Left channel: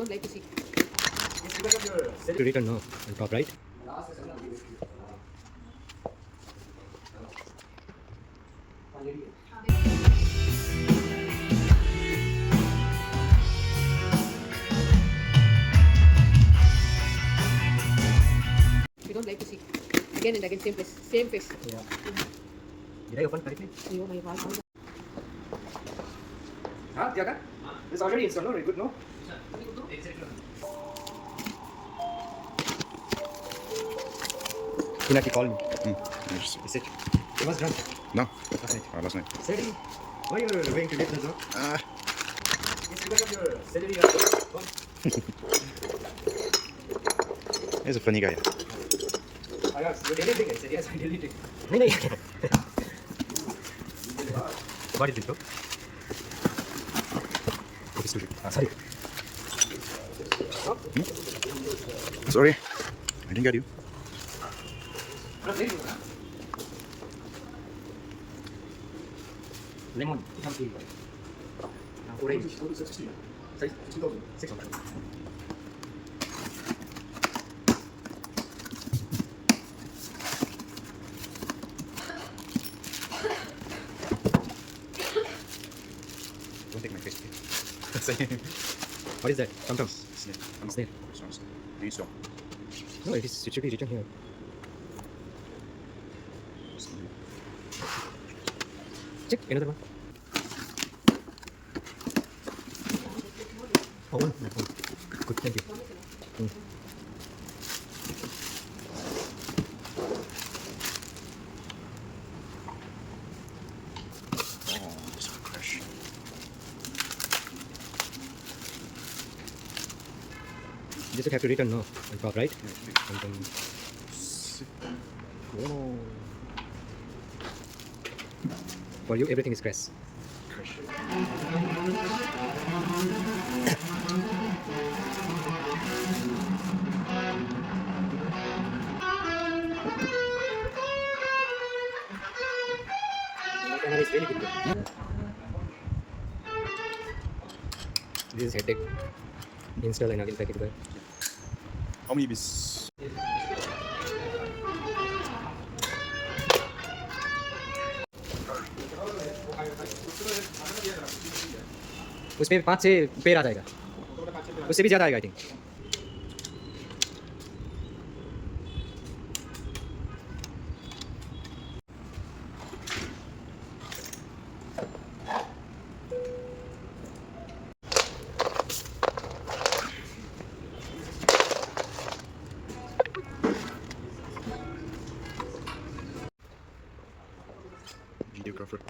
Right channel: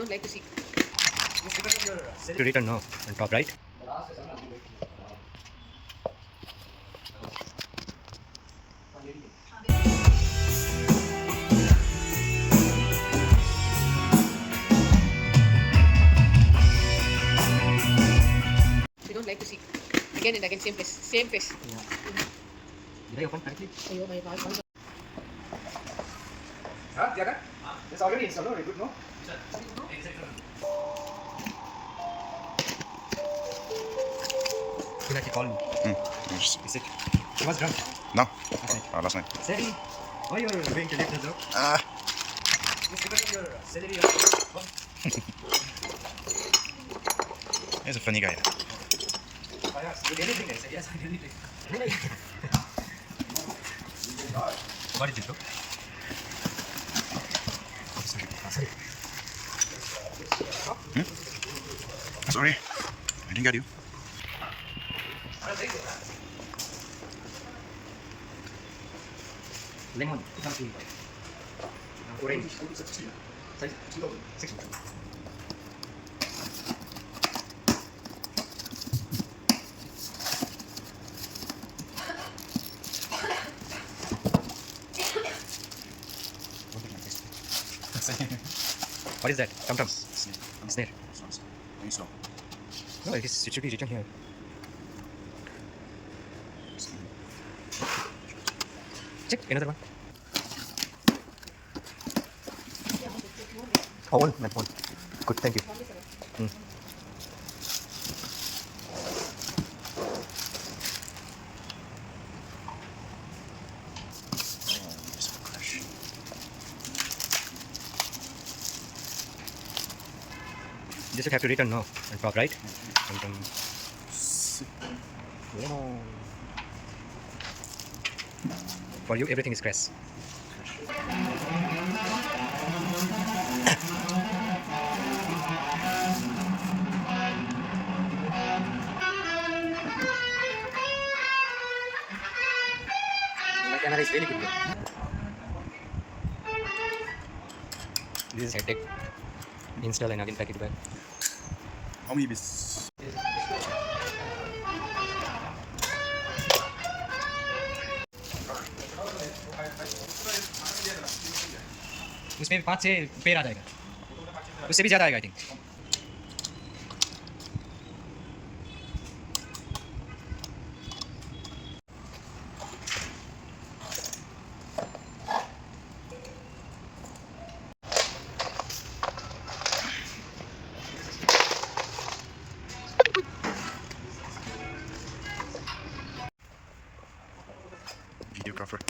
don't like to see. To return now on top right. We don't like to see. Again and again, same place, same face. Yeah. Did I open correctly? Ayo, my God. Huh? Yeah, kan? It's already installed, no? Good, no? Pinaki called me. Yes. He said it was drunk No. last night. Last night. Sadie, why you are going to leave the job? It's because of your salary. He's a funny guy. I asked, you really drink? I said, yes, I really drink. नहीं What is it bro? Sorry. Sorry, I didn't get you. Lemon, something. Orange. Sorry, 600. Don't take my face. What is that? Come. Snare. Snare. Please don't. No, it should be written here. Check another one. Oh, one, not one. Good, thank you. Oh, it's a crash. You just have to return now on top right. And then lemon. For you, everything is crash. Crash. My camera is really good. This is headache. Install and again pack it back. How many bits? उसमें 5-6 पेड़ आ जाएगा, उससे भी ज़्यादा आएगा I think. Videographer.